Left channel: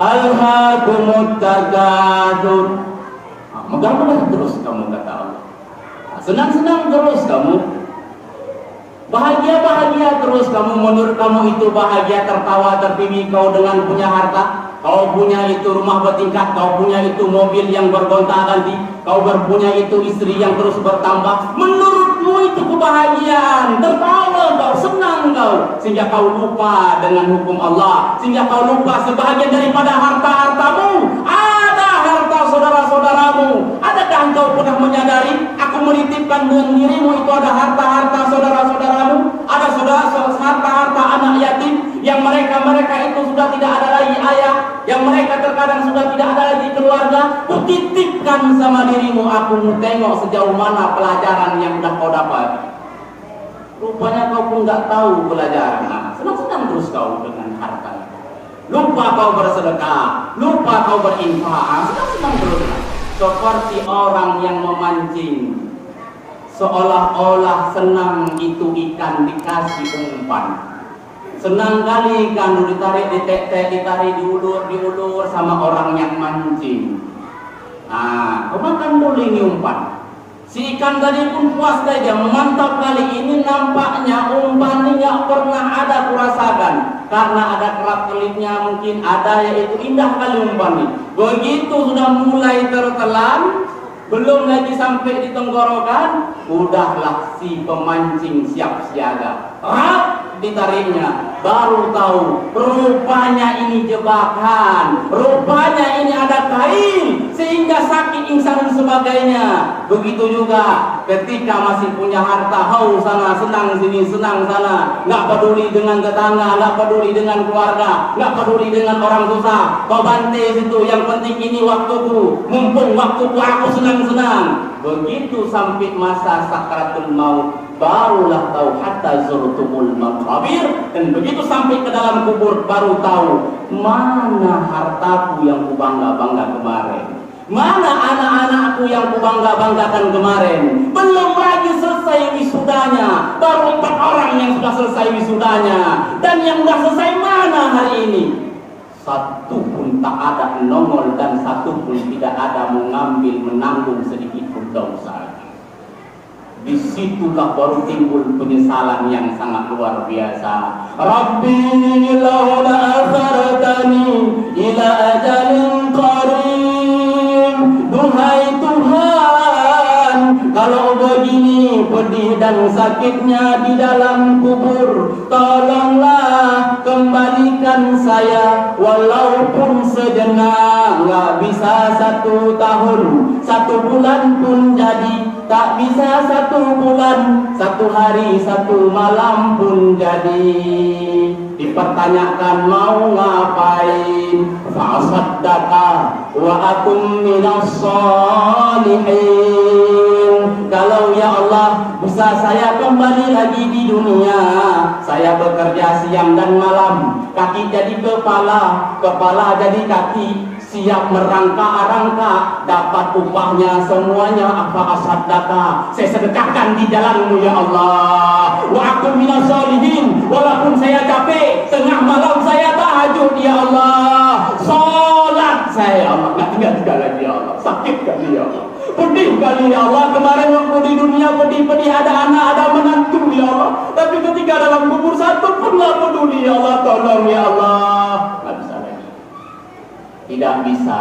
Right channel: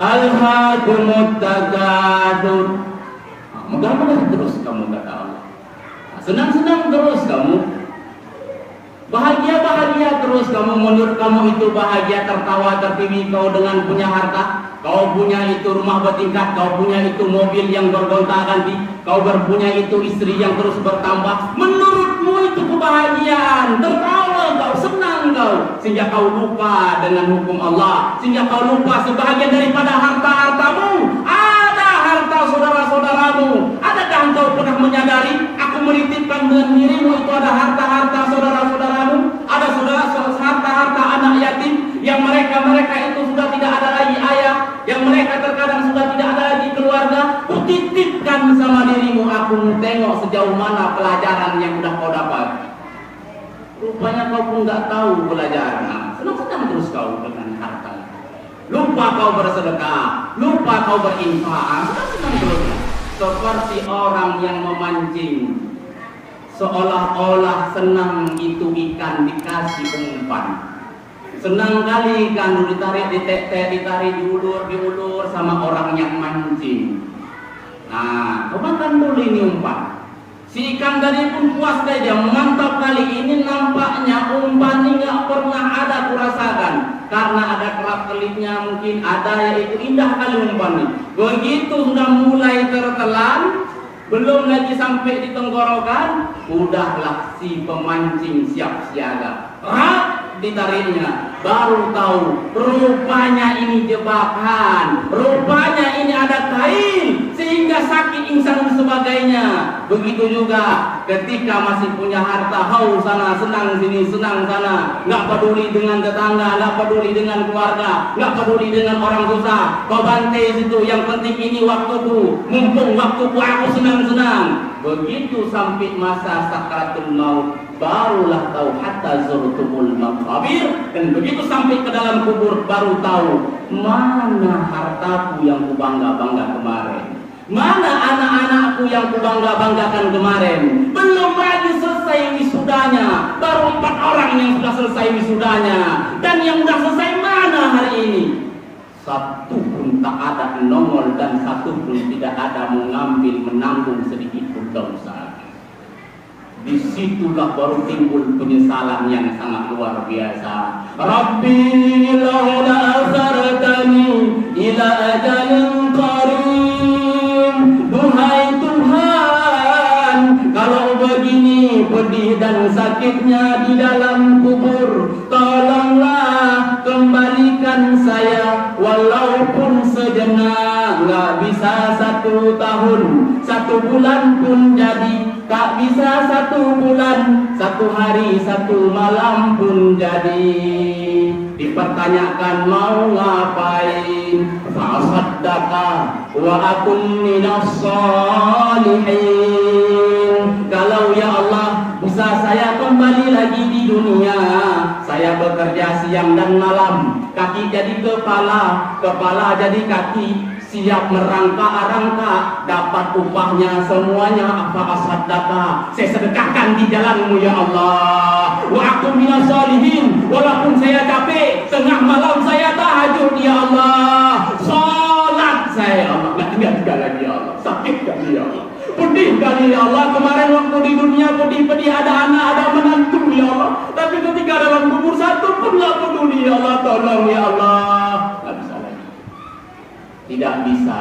Alhaakumut takatsur. Mudah-mudahan terus kamu kata Allah. Senang-senang terus kamu. Bahagia-bahagia terus kamu. Menurut kamu itu bahagia, tertawa, terpimi kau dengan punya harta. Kau punya itu rumah bertingkat, kau punya itu mobil yang bergonta-ganti, kau punya itu istri yang terus bertambah. Menurutmu itu kebahagiaan, tertawa kau, senang kau, sehingga kau lupa dengan hukum Allah, sehingga kau lupa sebahagian daripada harta-hartamu. Ada harta saudara-saudaramu. Adakah engkau pernah menyadari? Aku menitipkan dengan dirimu itu ada harta-harta saudara-saudaramu, ada harta-harta anak yatim yang mereka itu sudah tidak ada lagi ayah, yang mereka terkadang sudah tidak ada lagi keluarga. Kutitipkan sama dirimu, aku mau tengok sejauh mana pelajaran yang sudah kau dapat. Rupanya kau pun nggak tahu pelajaran. Senang-senang terus kau dengan harta. Lupa kau bersedekah, lupa kau berinfak, senang-senang terus. Seperti orang yang memancing, seolah-olah senang itu ikan dikasih umpan. Senang kali ikan ditarik, ditarik, diulur sama orang yang mancing. Nah, kau makan dulu ini umpan. Si ikan tadi pun puas saja, mantap kali ini, nampaknya umpan ini nggak pernah ada kurasakan. Karena ada kelap-kelipnya, mungkin ada, yaitu indah kali umpan ini. Begitu sudah mulai tertelan, belum lagi sampai di tenggorokan, udahlah si pemancing siap siaga. Ditariknya, baru tahu rupanya ini jebakan, rupanya ini ada kain sehingga sakit insan dan sebagainya. Begitu juga ketika masih punya harta, haus sana, senang sini, senang sana, nggak peduli dengan tetangga, nggak peduli dengan keluarga, nggak peduli dengan orang susah, kau bantai situ, yang penting ini waktuku, mumpung waktuku, aku senang-senang. Begitu sampai masa sakratul maut, barulah tahu hatta zurtumul maqabir, dan begitu sampai ke dalam kubur baru tahu mana hartaku yang kubangga-bangga kemarin, mana anak-anakku yang kubangga-banggakan kemarin. Belum lagi selesai wisudanya, baru 4 orang yang sudah selesai wisudanya, dan yang sudah selesai mana hari ini? Satu pun tak ada nongol, dan satu pun tidak ada mengambil, menanggung sedikit pun dosa. Disitulah baru timbul penyesalan yang sangat luar biasa. Rabbi laula akhartani ila ajalin qarib. Duhai Tuhan, kalau begini pedih dan sakitnya di dalam kubur, tolonglah kembalikan saya walaupun sejenak. Nggak bisa 1 tahun, 1 bulan pun jadi. Tak bisa 1 bulan, 1 hari, 1 malam pun jadi. Dipertanyakan mau ngapain? Fa'asaddaqa wa akum minas shalihin. Kalau ya Allah bisa saya kembali lagi di dunia, saya bekerja siang dan malam, kaki jadi kepala, kepala jadi kaki, siap merangka-rangka, dapat upahnya semuanya. Apa asaddaqa, saya sedekahkan di jalanmu ya Allah. Wa akum minas shalihin, walaupun saya capek, tengah malam saya tahajud ya Allah, sholat saya Allah, nggak tinggal lagi ya Allah, sakit kali ya Allah, pedih kali ya Allah. Kemarin waktu di dunia pedih-pedih, ada anak, ada menantu ya Allah, tapi ketika dalam kubur 1 pun nggak peduli ya Allah. Tolong ya Allah, nggak bisa lagi, tidak bisa.